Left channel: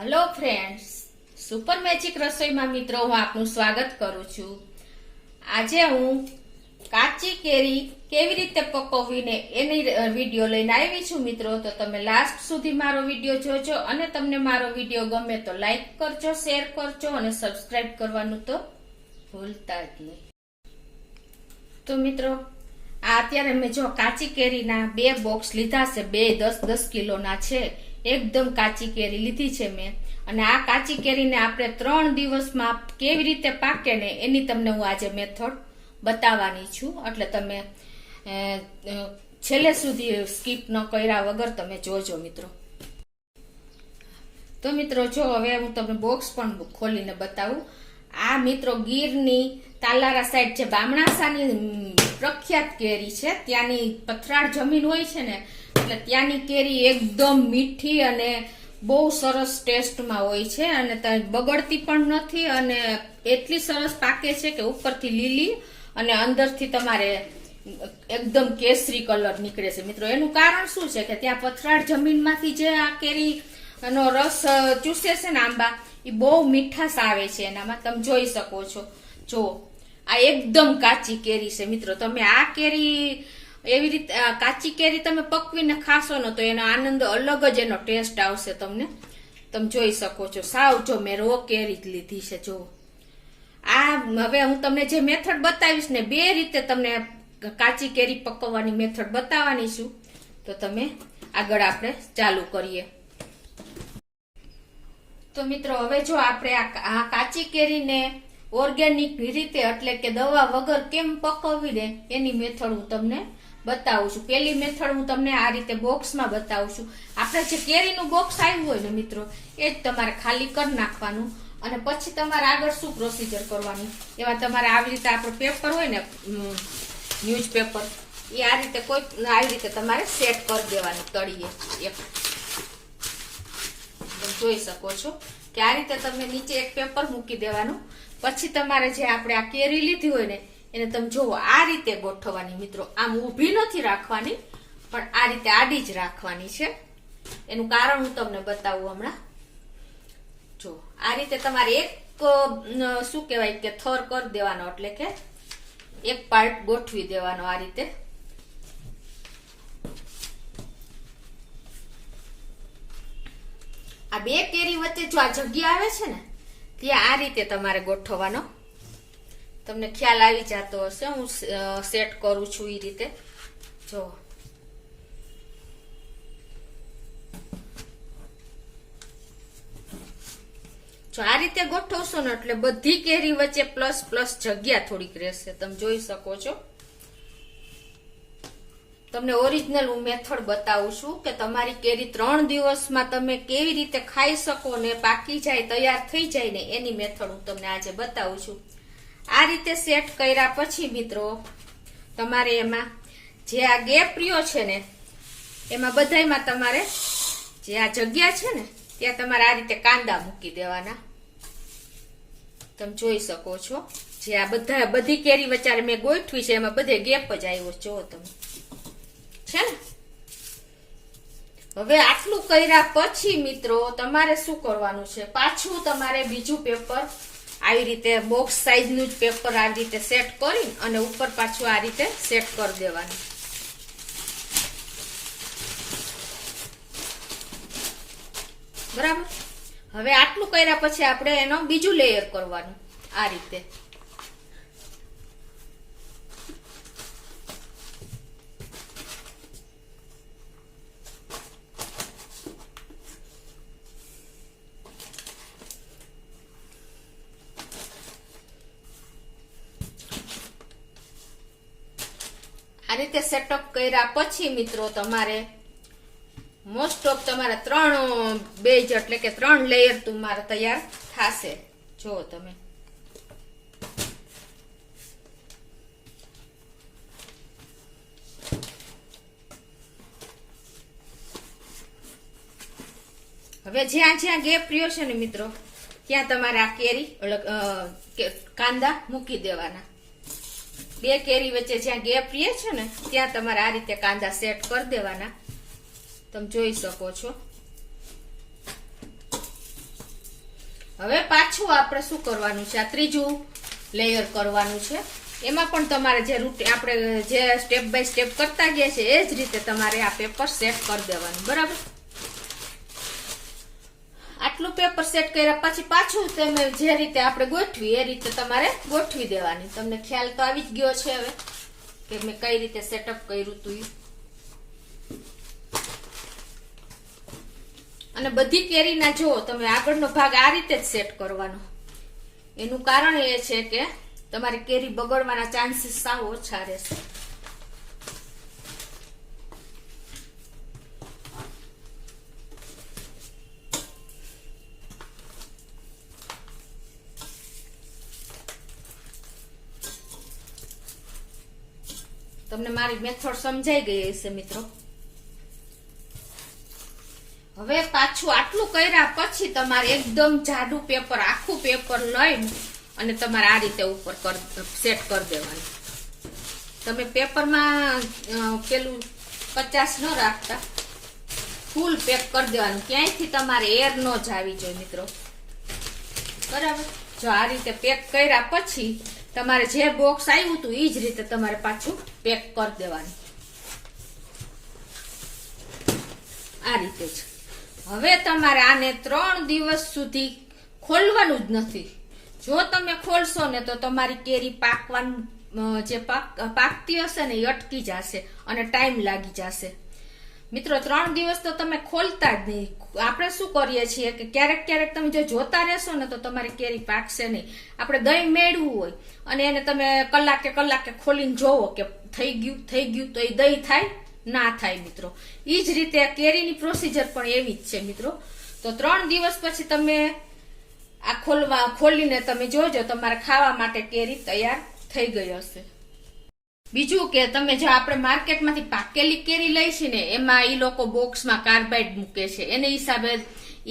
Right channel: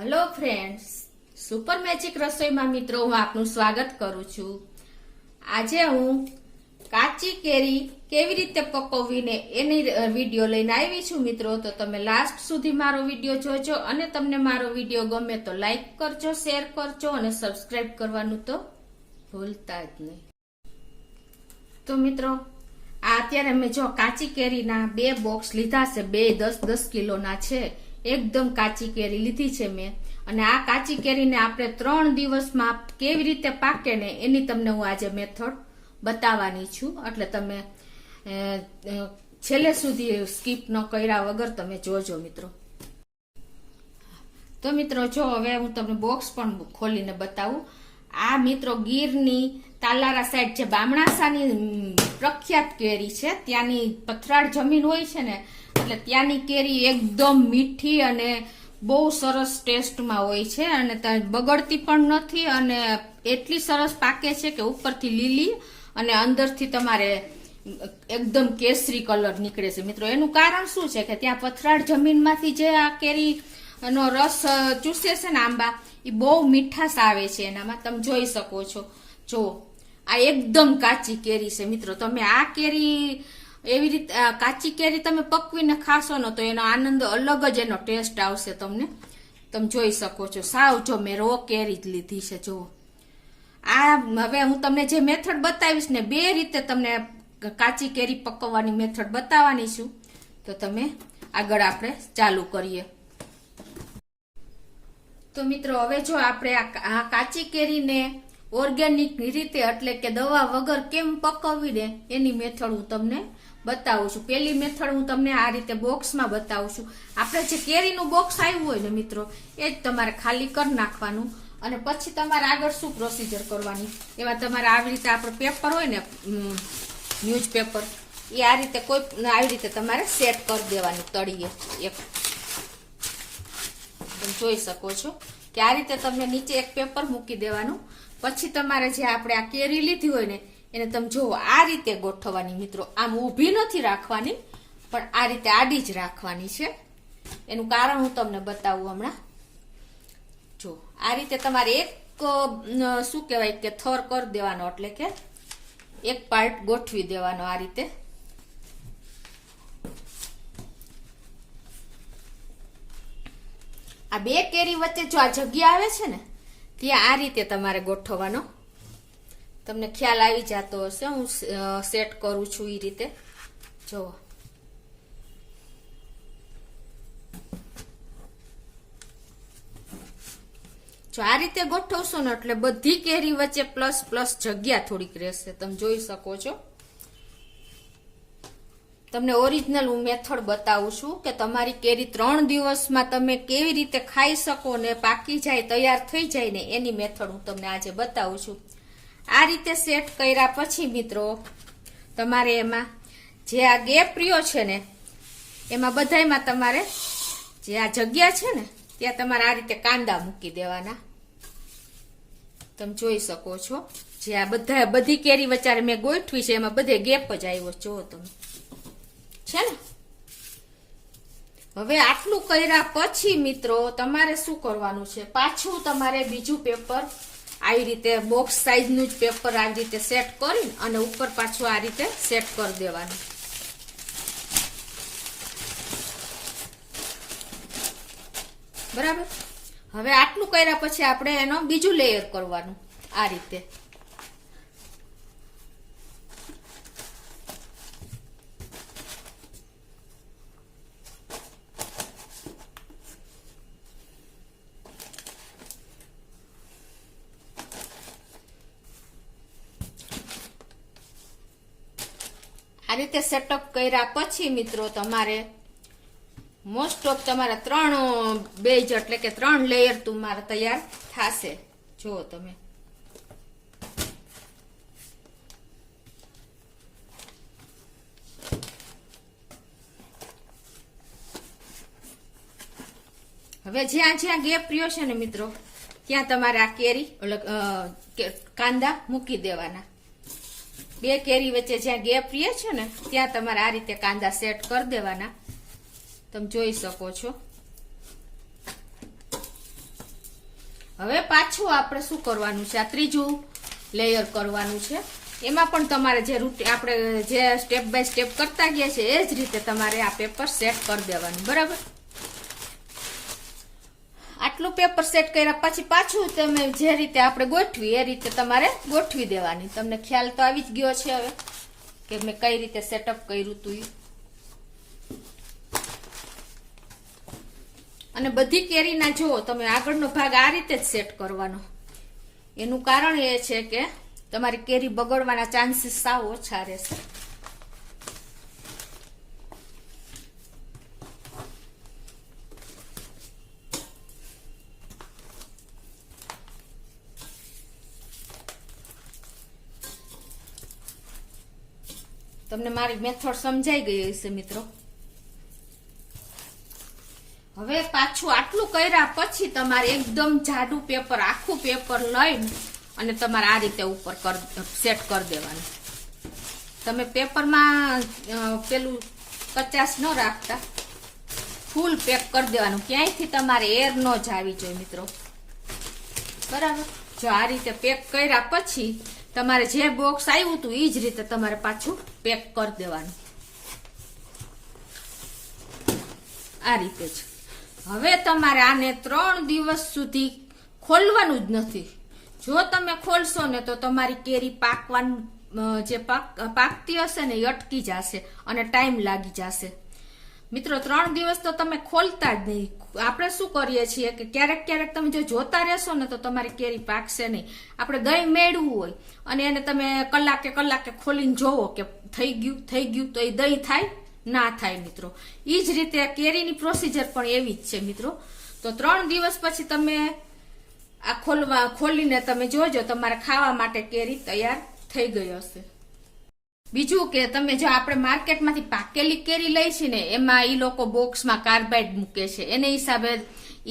Hello friends, super magic રસોઈમાં મિત્રો હું આપનું સ્વાગત કરું છું। આજે હું કાચી કેરી કેવી રીતે પકવવીને એની વિડીયો લઈને આવી છું મિત્રો। તો તમે લાસ્ટ સુધી મારો વિડીયો જોજો અને તમને મારો વિડીયો ગમે તો લાઈક કરજો, શેર કરજો અને સબસ્ક્રાઇબ કરવાનું તો ભૂલતા જ નહીં। તો મિત્રો આ અત્યારે મેં જો કાચી કેરીના 2 બોક્સ લીધા છે, 2 10-10 કિલોના છે। એકદમ કાચી કેરી લીધી છે મેં, અને આ કાચી કેરીને આપણે 3 દિવસમાં કેવી રીતે પાકે ને એની તમને હું આજે મેથડ બતાવવાની છું, એટલે તમે છેલ્લે સુધી સ્કીપ ન કર્યા વગર તમે જોજો મિત્રો। તો મિત્રો જો હવે હું તમને બોક્સ પણ ખોલીને બતાવું। આ મિત્રો ગીરની તાલારા સાઈડ જે બામણાસાની પ્રખ્યાત કેરી છે, ત્યાંની પથરાળ જમીન હોય છે ને, એટલે ત્યાંની કેરી એકદમ મીઠી અને બહુ સરસ ટેસ્ટમાં હોય છે, અને બગડતી પણ નથી, અને એટલી સરસ પાકે છે કે ઉપરથી લીલી અને અંદરથી તમારે એકદમ કેસરી કલર નીકળે છે મિત્રો। એનું કારણ શું છે કે ત્યાં પથરાળ જમીનમાંથી જે આ કેરીનો રસ ચૂસે છે ને આંબા, એ બહુ મીઠાશ આવે છે એનામાં, તમે જોઈ શકો છો। જો આ એકદમ કાચી કેરી છે મિત્રો। તમે આ કેરી એવી રીતે કાચી કેરી તમે પકવીને ખાશો ને તો એનો આનંદ અલગ જ એનો ટેસ્ટ આવશે તમને, તમે જોઈ શકો છો। સાવ જો મેં રો કેરી જ લીધી છે। જો આ હવે હું તમને જે મેથડ બતાવીશ ને, 2 રીતે તમને કાચી કેરી પકવવાની મેથડ બતાવવાની છું। તો તમે આગળ આપણે ચાલુ કરીએ। તો મિત્રો હવે જો આપણે આ કાચી કેરીને ઓર્ગેનિક રીતે એટલે કે દવા વગર કેમ પકવવી ને એની મેથડ હું તમને બતાવું છું। પેલી મેથડ હું તમને આ રીતે બોક્સમાં બતાવું છું। આપણે જે કેરીનું બોક્સ આવ્યું હોય ને મિત્રો, એ જ તમારે ખાલી કરી નાખવાનું, અને પછી તમારે આગળ શું પ્રોસીજર કરવાની, એવા તમારે આવી રીતે આપણું પેપર હોય ને ન્યૂઝપેપર, એ આ રીતે આવી રીતે તમારે સેટ કરી દેવાનું તળિયે એક, જોઈ શકો છો કે આ રીતે તમે નીચે એક પેપર મૂકી દેવાનું। પછી તમારે જે આપણે આ કેરી લીધી હોય ને એને તમે જોવો આ રીતે ગોઠવવાની મિત્રો। આમ ઊભી નથી રાખવાની, પણ આ રીતે આડી જ રાખવાની છે। એનું કારણ હું તમને બતાવું હમણાં। જો આ રીતે તમારે એક શું કહેવાય કે થર કરી દેવાનો, એટલે કે એક પાર્ટ ગોઠવી દેવાનો આ રીતે। આ 2 કેરી વચ્ચે જો આ જગ્યા આવે છે ને, ત્યાં આ રીતે તમારે ગોઠવવાનો। તમને ખ્યાલ આવી જતો હશે હું સેટ કરું છું એ રીતે। જો આ રીતે ગોઠવશો ને એટલે બધી કેરી વચ્ચે પ્લસ પ્લસ જગ્યા થોડીક રહેશે, તમે જોઈ શકો છો। તમને ઓરિજિનલ હું મેથડ બતાવું છું કે તમારી કેરી 3 દિવસમાં તમે કેવી રીતે ખાઈ શકો ને પાકી જાય, તૈયાર થઈ જાય ને એની મેથડ હું તમને આજે બતાવું છું। આ રીતે સેટ કર્યા પછી મિત્રો તમારે એમાં જે આ ગેપ રહ્યો છે ને, એમાં બધાયમાં તમારે જે આ જગ્યા છે ને ત્યાં તમારે આ રીતે કાંદા મૂકી દેવાના, તમે જોઈ શકો છો। જે આ બધી કેરી વચ્ચે મેં ગોઠવી છે એમાં બધે ગેપ જ આવ્યો જો તમે છે ને। હવે આટલું કર્યા પછી મિત્રો તમારે શું કરવાનું છે, પાછું તમારે બીજું પેપર આવી રીતે બોક્સ સાઈઝનું જ પેપર આવી રીતે સેટ કરી અને ઉપર પાછું આ રીતે સેટ કરી દેવાનું, બરાબર। હવે આટલું કર્યા પછી આપણે એનો બીજું લેયર કરવાનું આ રીતે। આ રીતે સેટઅપ કર્યા પછી મિત્રો તમારે મોસ્ટ ઓફ તમારે 3 બેજ એટલે કે 3 લેયર તમારે તૈયાર થશે। જો તમે હવે જ્યાં ગેપ રહ્યો છે ને મિત્રો, ત્યાં તમારે આ કેરી કાંદા મૂકી દેવાના। 2 કેરી વચ્ચે જ્યાં ગેપ રહે છે ને ત્યાં તમારે આ રીતે કાંદા સેટ કરી દેવાના, તમે જોઈ શકો છો। હવે પાછું આપણે શું કરવાનું છે, આ ત્રીજું લેયર કરવાનું છે. એમાં પણ તમારે જે રૂટીન આપણે જે સ્ટેપ બાય સ્ટેપ કરતા ગયા છે એ જ રીતે તમારે આ પેપર સેટ કરી દેવાનું. બરાબર, આટલું પેપર સેટ કર્યા પછી પાછું તમે જે રીતે આપણે ગોઠવી એ રીતે તમારે ગોઠવી દેવાની. તમને ખ્યાલ તો આવી જ ગયો છે હવે કે મેં કઈ રીતે સેટઅપ કર્યું હતું. અને બધી કેરીના જો તમે આગળનો ભાગ આ રીતે જ સેટ કરવાનો. એનું કારણ એ છે કે તમારી કેરી બગડવાના ચાન્સીસ સાવ ઓછા રહેશે. તમને મારી મેથડ સમજાઈ ગઈ હશે મિત્રો. હવે પાછું આટલું કર્યા પછી તમારે એકદમ જાડું પેપર, આખું પેપર લઈને અને તમારે આ રીતે ઉપર સેટ કરી દેવાનું. તમે પેપરમાં પેલું 50 ન રાખતા, ફૂલ પેક કરી દેવાનું. ક્યાંયથી તમારે એર ન જ આવી જોઈએ મિત્રો. બરાબર, જો આ રીતે પેક કર્યા પછી તમારે જે બોક્સ આવ્યું હતું એ જ રીતે તમારે પાછું પેક કરી દેવાનું. આ રીતે જ. હવે તમારે આને 3 દિવસ સુધી ખોલવાનું જ નથી. જો તમે ખોલશો ને તો તમારી કેરી પાકવાનું જે પાકતી હશે ને એ અટકી જશે અને ટાઈમ લાગી જશે. મિત્રો 3 દિવસ તો તમે ખોલતા જ નહીં. આપણે શું કરીએ છીએ કે ક્યારેક ક્યારેક તમે જો જોતા રહેશો ને તો તમારી કેરી પાકશે નહીં. આપણે દહીં મેળવું હોય અને એને તમે કલાકે ખોલીને જોવો કે થઈ ગયું તો એ દહીં થાય ના થાય મિત્રો. એ જ રીતે કેરીની પ્રોસીજર પણ એવી જ છે મિત્રો. તો 3 દિવસ પછી તમે આ ખોલીને તમે જોજો તમારે ખાવા માટે કેરી તૈયાર થઈ ગઈ હશે. બીજું કે તમે જો આપણે માર્કેટમાંથી પાકેલી કેરી લઈ છે ને એમાં એ લોકો બોક્સમાં કાર્બાઇડ મૂકે છે. એને હિસાબે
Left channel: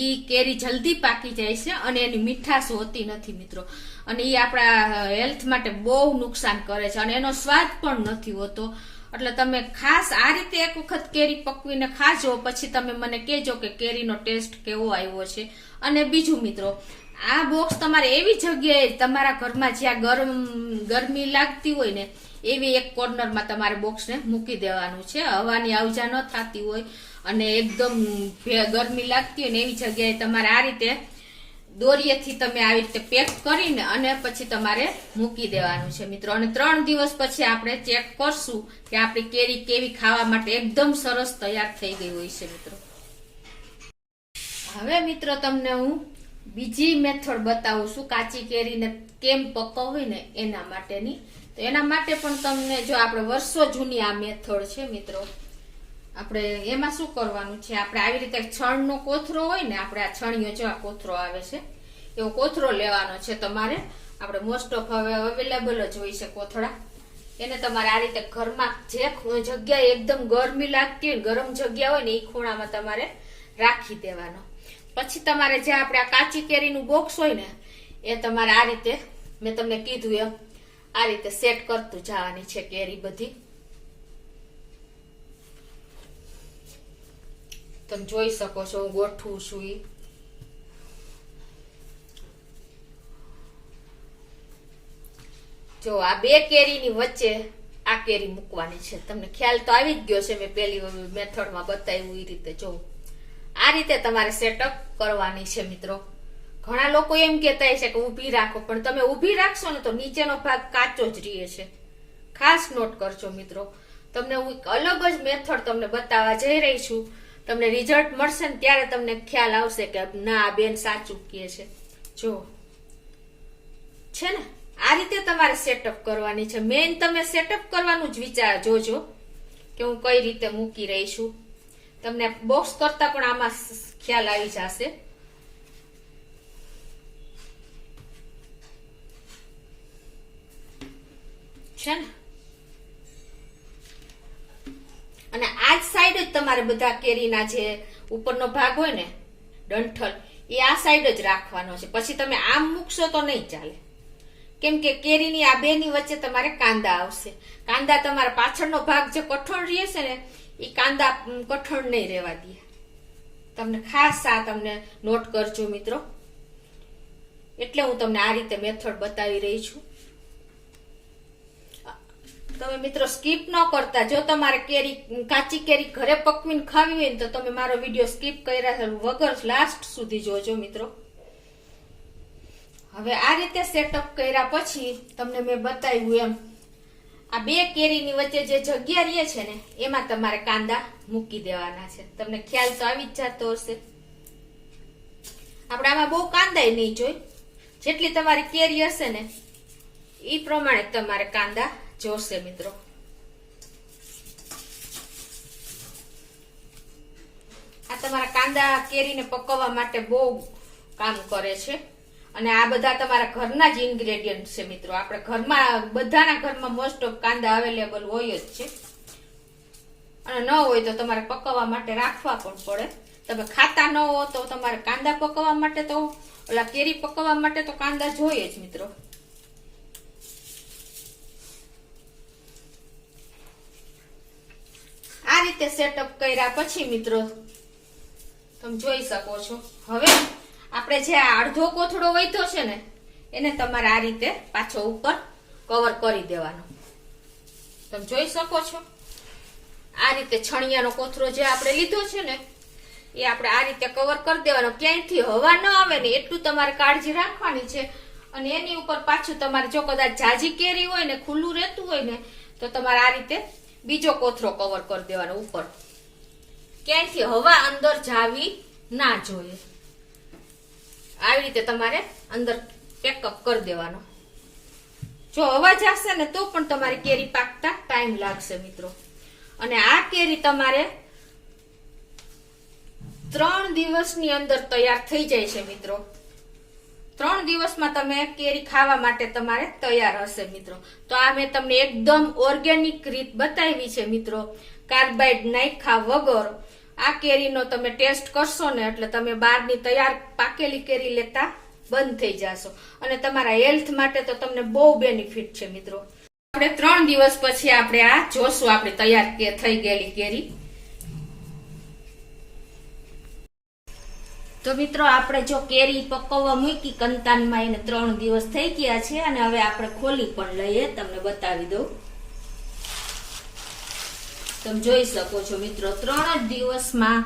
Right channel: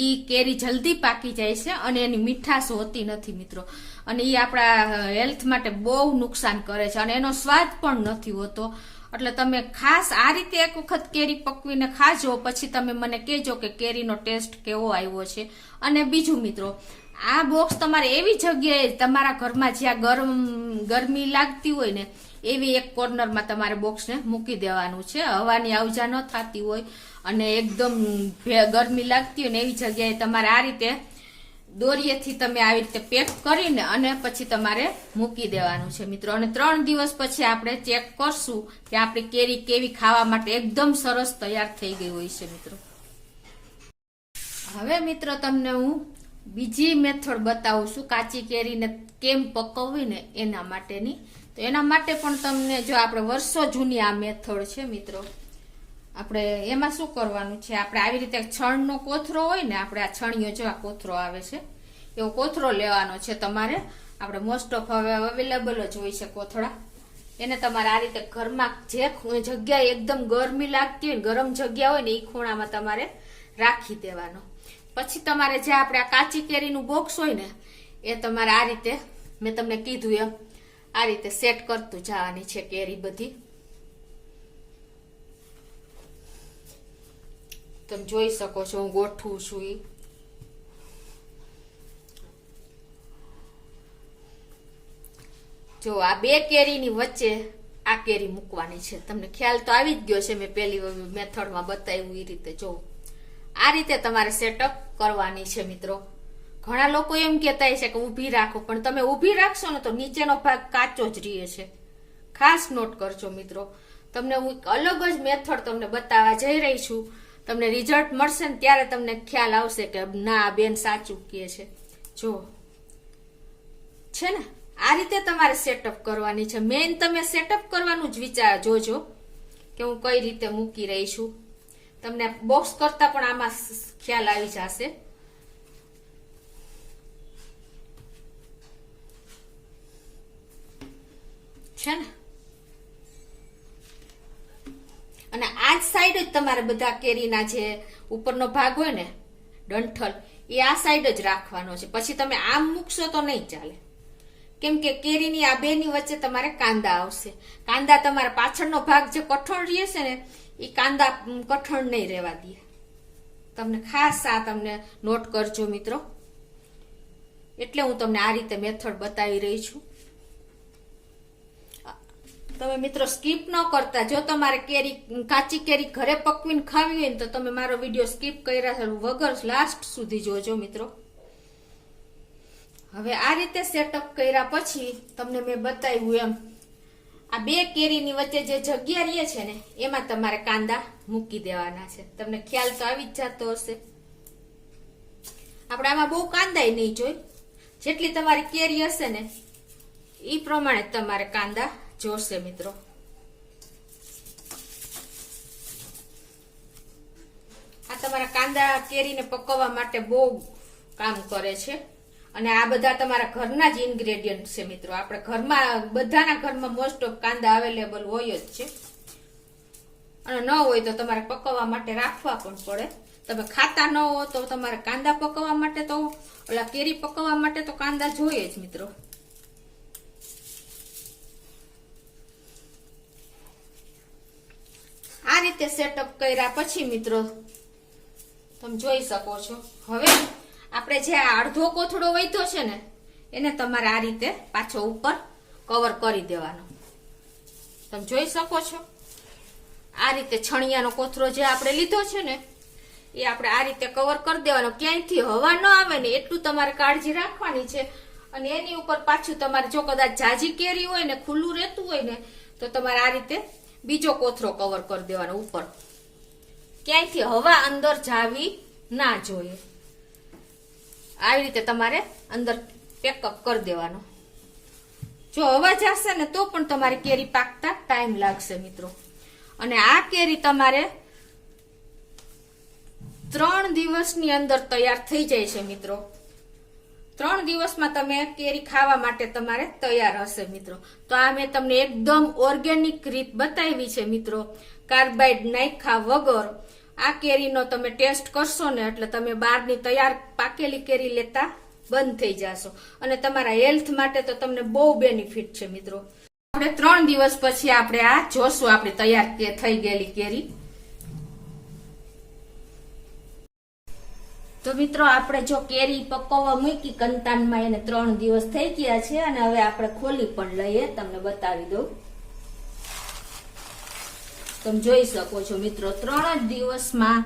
ઈ કેરી જલ્દી પાકી જાય છે અને એની મીઠાશ હોતી નથી મિત્રો. અને એ આપણા હેલ્થ માટે બહુ નુકસાન કરે છે અને એનો સ્વાદ પણ નથી હોતો. એટલે તમે ખાસ આ રીતે એક વખત કેરી પકવીને ખાજો, પછી તમે મને કહેજો કે કેરીનો ટેસ્ટ કેવો આવ્યો છે. અને બીજું મિત્રો, આ બોક્સ તમારે એવી જગ્યાએ તમારા ઘરમાં જ્યાં ગરમી લાગતી હોય ને એવી એક કોર્નરમાં તમારે બોક્સને મૂકી દેવાનું છે. હવાની આવજા ન થતી હોય અને એકદમ ગરમી લાગતી હોય ને એવી જગ્યાએ તમારે આ રીતે દોરીએથી તમે આવી રીતે પેક કરીને અને પછી તમારે મૂકી દેવાનું છે મિત્રો. અને 3 દિવસ પછી આપણે ચેક કરશું કે આપણી કેરી કેવી ખાવા માટે એકદમ સરસ તૈયાર થઈ ગઈ હોય છે મિત્રો. હવે મિત્રો તમને હું બીજી મેથડ બતાવું છું કાચી કેરીને કેમ પકવવી ને એના માટેની. તો એના માટે પણ તમને જો આપણે વર્ષો જૂની આ મેથડ છે મિત્રો. આપણે એમાં શું કરવાનું છે, આપણે આવી રીતે છણનો કોથરો હોય ને, આપણે આ છણીયો જેવા કોથરો આવે છે એવો કોથરો લેવાનો છે તમારે. આપણે મોસ્ટ ઓફ હવે અવેલેબલ જ હોય છે કોથળા. એને તમારે આ રીતે ઘરમાં જે જગ્યાએ એકદમ ગરમી લાગતી હોય, ગરમ જગ્યા હોય ને એ ખૂણામાં તમારે રાખી દેવાનો. પછી તમારે જે આપણે આ કાચી કેરીનું બોક્સ હોય ને એ તમારે આ રીતે મેં તમને કીધું એમ આ રીતે સેટ કરતું જવાની છે કેરી બધી. તમે જોઈ શકો છો હું ગોઠવું છું. જો આ 2 કેરીની વચ્ચે આ કેરી મૂકવાની છે. તમને ખ્યાલ તો આવી જ ગયો છે, મેં પેલી મેથડમાં બતાવ્યું એ રીતે. જો આ રીતે તમારે સેટઅપ કરવાની છે મિત્રો. ઘણા લોકો એમ કહેતા છે કે ઊભી રાખો, પણ તમે ઊભી રાખશો ને તો નીચેનો ભાગ કાચો જ રહે છે. ખાસ નોટ કરજો મિત્રો. તમને હું અલગ જ મેથડ તમને બતાવવા જઈ રહી છું. તમને રિઝલ્ટ મળશે ને ત્યારે તમને ખ્યાલ આવશે કે ના આ બેન સાચું કહે છે. જો છે ને આ રીતે તમારે સેટઅપ કરવાની છે. મેઇન તમે સેટઅપ કરવાનું જ વિચાર જોજો કે હું કઈ રીતે મૂકી રહી છું. તમને બોક્સ કરતા પણ આમાં ખ્યાલ આવી જશે. છે ને અને આ જ સાઈડ જ તમારે બધા કેરીના જે ઉપરનો ભાગ હોય ને ડંઠલ એ આ સાઈડ જ રાખવાનો છે. પછી તમે આમ મૂકશો તો નહીં ચાલે, કેમ કે કેરીની આ બેની વચ્ચે તમારે કાંદા આવશે. કાંદા તમારા પાછળનો ભાગ જે કઠણ રહેશે ને એ કાંદા કઠણ નહીં રહેવા દે. તમને ખાસ આ તમને નોટ કરજો મિત્રો. એટલે હું તમને આ રીતે મેથડ બતાવી રહી છું. તમે મિત્રો સ્કીપ ન કરતા. જો તમારે કાચી કેરી ઘરે પકવીને ખાવી હોય ને તો તમે મારો વિડીયો સ્કીપ કર્યા વગર લાસ્ટ સુધી જોજો મિત્રો. હવે આ રીતે સેટઅપ કર્યા પછી તમને મેં બતાવ્યું એમ આ બે કેરીની વચ્ચે જે જગ્યા રહે છે ને એમાં તમારે કાંદા મૂકી દેવાના છે. તમને ખ્યાલ તો આવી જ જતો હશે. આપણે આમાં બહુ કાંદા નહીં જોઈ. જેટલી તમારી કેરી હશે ને એ પ્રમાણે તમારે કાંદા જોશે મિત્રો. આ તમારા કાંદા કેરીને પકવવા માટે બહુ કામ કરે છે. અને આ બધા તમારા ઘરના જ ઇન્ગ્રેડિયન્ટ છે મિત્રો. આપણે ઘરમાં બધાના ઘરમાં મોસ્ટ ઓફ કાંદા અવેલેબલ હોય જ છે. અને ન હોય તો તમારે પકવવા માટે રાખવા પણ પડે. તમે ખાતા ન હો તો તમારે કાંદા પકવવા માટે તો ઓલા કેરી પકવવા માટે તો કાંદા જોઈએ જ મિત્રો. આ રીતે સેટઅપ કર્યા પછી મિત્રો તમે જોઈ શકો છો. હવે આપણે જે અડધો કોથળો વધ્યો છે ને એને તમારે આ રીતે પાછો ઉપર કવર કરી દેવાનો. તમે જોઈ શકો છો આ રીતે છણિયાનો કોથળો જે આપણે લીધો છે ને એ આપણે આ રીતે કવર કરી દેવાનો. ક્યાંયથી હવા ન આવે ને એટલું તમારે કાળજી રાખવાની છે. અને એની ઉપર પાછું તમારે જો કદાચ જાજી કેરી હોય ને ખુલ્લું રહેતું હોય ને તો તમારે આ રીતે બીજો કોથળો કવર કરી દેવાનો ઉપર. ક્યાંયથી હવા અંદર જાવી ના જોઈએ. આવી રીતે તમારે અંદર પેકઅપ કરી દેવાનો. જો હવા જશે ને તો પણ તમારી કેરી પાકતા ટાઈમ લાગશે મિત્રો. અને આ કેરી તમારે 3 દિવસની અંદર તૈયાર થઈ જાય છે મિત્રો. 3 દિવસમાં તમે કેરી ખાવા માટે તમારે તૈયાર હશે મિત્રો. તો આ મેં તમને એકદમ ઓર્ગેનિક રીત બતાવી છે મિત્રો. કાર્બાઇડ નાખ્યા વગર આ કેરીનો તમે ટેસ્ટ કરશો ને એટલે તમે બહારની તૈયાર પાકેલી કેરી લેતા બંધ થઈ જશો. અને તમારા હેલ્થ માટે તો તમને બહુ બેનિફિટ છે મિત્રો. આપણે 3 દિવસ પછી આપણે આ જોશું આપણે તૈયાર થઈ ગયેલી કેરી. તો મિત્રો આપણે જો કેરી પકવવા મૂકી કંતાનમાં એને 3 દિવસ થઈ ગયા છે. અને હવે આપણે ખોલી પણ લઈએ તમને બતાવી દઉં. તમે જોઈ શકો છો મિત્રો 3 જ દિવસમાં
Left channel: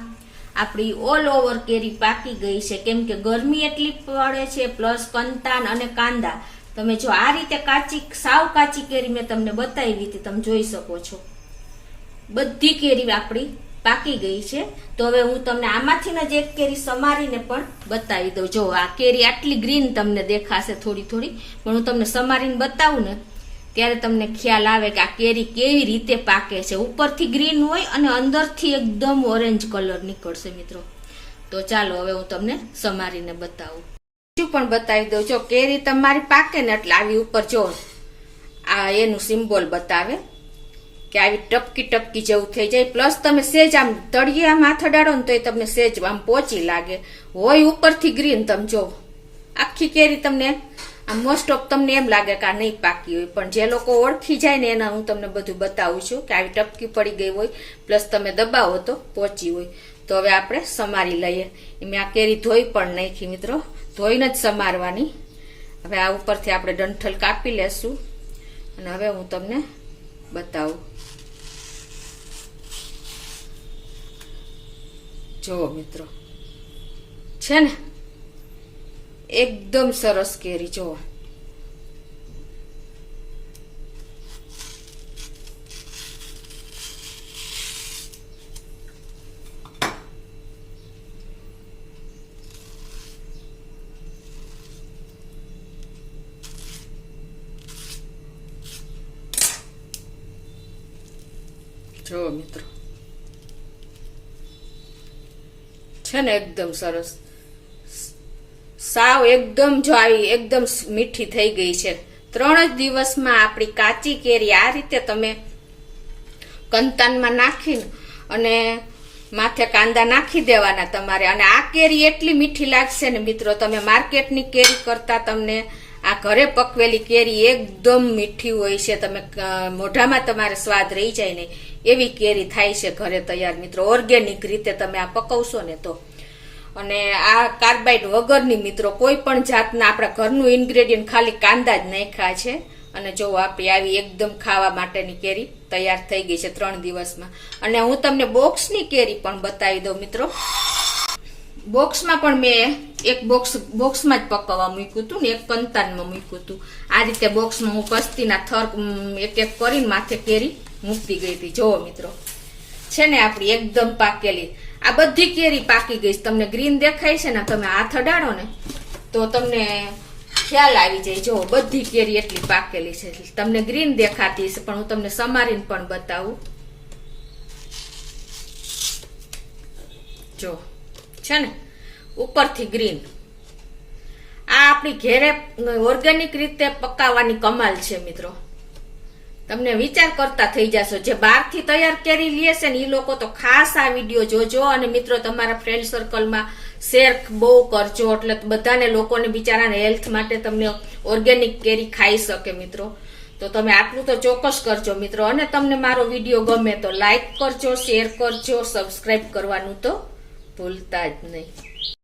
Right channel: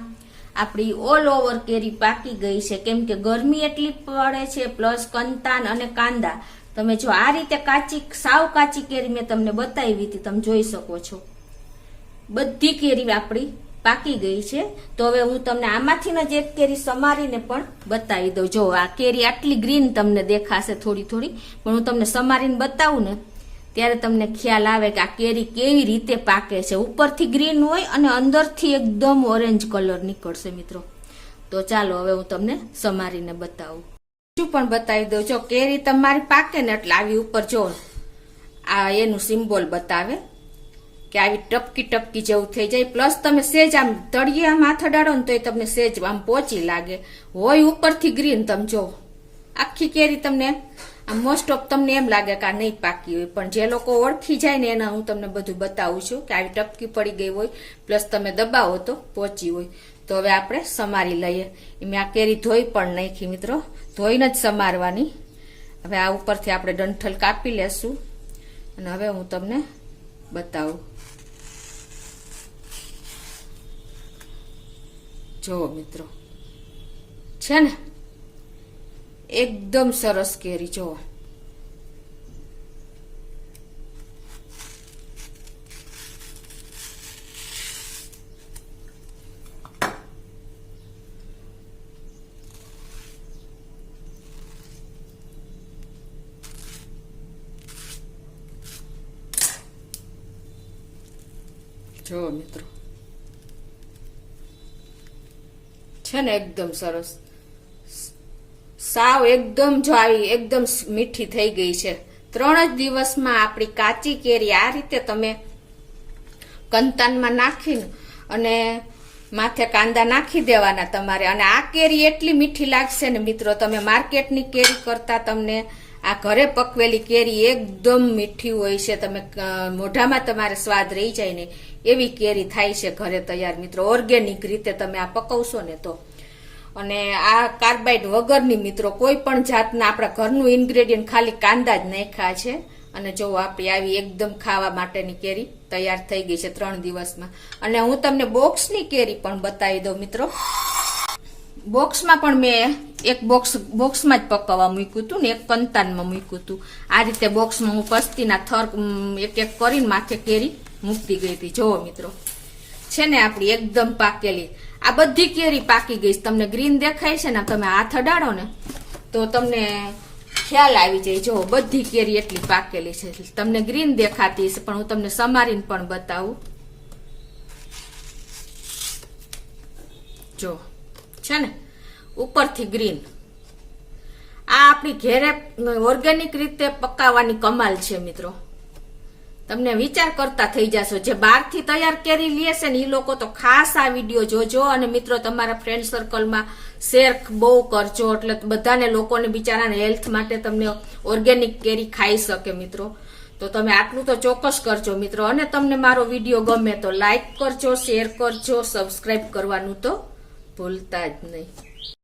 આપણી ઓલ ઓવર કેરી પાકી ગઈ છે. કેમ કે ગરમી એટલી પડે છે પ્લસ કંતાન અને કાંદા. તમે જો આ રીતે સાવ કાચી કેરી મેં તમને બતાવી હતી. તમે જોઈ શકો છો બધી કેરી આપણી પાકી ગઈ છે. તો હવે હું તમને આમાંથી જ એક કેરી સમારીને પણ બતાવી દઉં. જો આ કેરી આટલી ગ્રીન તમને દેખાશે થોડી થોડી, પણ હું તમને સમારીને બતાવું ને ત્યારે તમને ખ્યાલ આવે કે આ કેરી કેવી રીતે પાકે છે. ઉપરથી ગ્રીન હોય અને અંદરથી એકદમ ઓરેન્જ કલર નીકળશે મિત્રો. તો ચાલો હવે હું તમને સમારીને બતાવું. બીજું પણ બતાવી દઉં. જો કેરી તમારી પાકે ને એટલે આવી ઉપર જો આ એનું સિમ્બોલ બતાવે કે આવી ટપકી ટપકી જેવું થઈ જાય. પ્લસ તમે સેજ આમ તળિયે આમ હાથ અડાડો ને તો તમને સેજ આમ પોચી લાગે. હોય ઉપરથી ગ્રીન. તમે જો આખી કેરી તમને આમ મોસ્ટ ઓફ તમને એમ લાગે કે આ નહીં પાકી હોય, પણ જે લોકો ઓળખી જાય ને એના હું તમને બધું બતાવું છું કે આવી ટપકી પડી ગઈ હોય પ્લસ તમે દબાવો તો પોચી હોય. તો હવે આપણે સમારી લઈએ. મેં આ કેરી ધોઈ પણ નાખી મિત્રો. ધોઈને જ સમારવાની. હવે આ ઉપરથી આપણે ડંઠલ કાપી લેશું અને હવે હું તમને બતાવું. જો મિત્રો છે ને એકદમ સરસ કેરી. જો જો મિત્રો છે ને એકદમ સરસ. સાવ એકદમ જો આવી એકદમ મીઠી થઈ ગઈ છે. 3 જ દિવસમાં આપણી કાચી કેરી આ રીતે તમે કંતાનમાં નાખીને અને માથે કાંદા નાખી દેવાના તમારે. અને આ કેરી એટલી મીઠી લાગશે ને મિત્રો. તમે માર્કેટની કેરી કરતા તમને આ ઘરે પકવેલી કેરી એકદમ મીઠી હોય છે. તમે મોઢામાં તમારે સ્વાદ રહી જાય ને એવી કેરી થાય છે ઘરે તૈયાર મિત્રો. ઓર્ગેનિક રીતે તમે આ પકવશો ને તો. અને આ કાર્બાઇડ વગરની મિત્રો કોઈ પણ જાતના આપણા ઘરનું ઇન્ગ્રેડિયન્ટ ખાલી કાંદા જ નાખ્યા છે. અને જો આપણી આવી એકદમ ખાવા માટેની કેરી તૈયાર થઈ ગઈ છે 3 દિવસમાં. અને હું તમને બોક્સની કેરી પણ બતાવી દઉં મિત્રો. બોક્સમાં પણ મેં એક બોક્સમાં જ પકાવવા મૂક્યું હતું ને એક કંતાનમાં મૂક્યું હતું. આ રીતે બોક્સમાં હું પસ્તીના થર એક એક કરીને માથે કેરી મૂકતી ગઈ હતી. જોવો મિત્રો છે ને આપણી એકદમ પાકેલી. આ બધી કેરી પાકી ગઈ. તમને ગ્રીન દેખાય છે ને, તમે હાથ અડાડો ને તો તમને ખ્યાલ આવી જાય. જો બધી કેરી એટલી પાકેલી છે. તમને ગ્રીન દેખાતી છે પણ હું તમને સમારીને પણ બતાવું. જો છે ને ઉપરથી ગ્રીન. આ આપણી ઘેરે ઓર્ગેનિક રીતે પકાવવાની કમાલ છે મિત્રો. તમને વિચાર કરતા થઈ જશો. જે બહારથી તૈયાર કેરી લે છે ને એ લોકો તો ખાસ આ વિડીયો જોજો. અને મિત્રો તમારા ફ્રેન્ડ સર્કલમાં શેર બહુ કરજો, એટલે બધાને લોકોને બિચારાને હેલ્થ માટે તમને ઓર્ગેનિક કેરી ખાઈ શકે મિત્રો. તો તમે આટલું તો ચોક્કસ કરજો મિત્રો. અને તમને મારો વિડીયો ગમે તો લાઈક કરજો, શેર કરજો, સબસ્ક્રાઇબ કરવાનું તો ભૂલતા જ નહીં.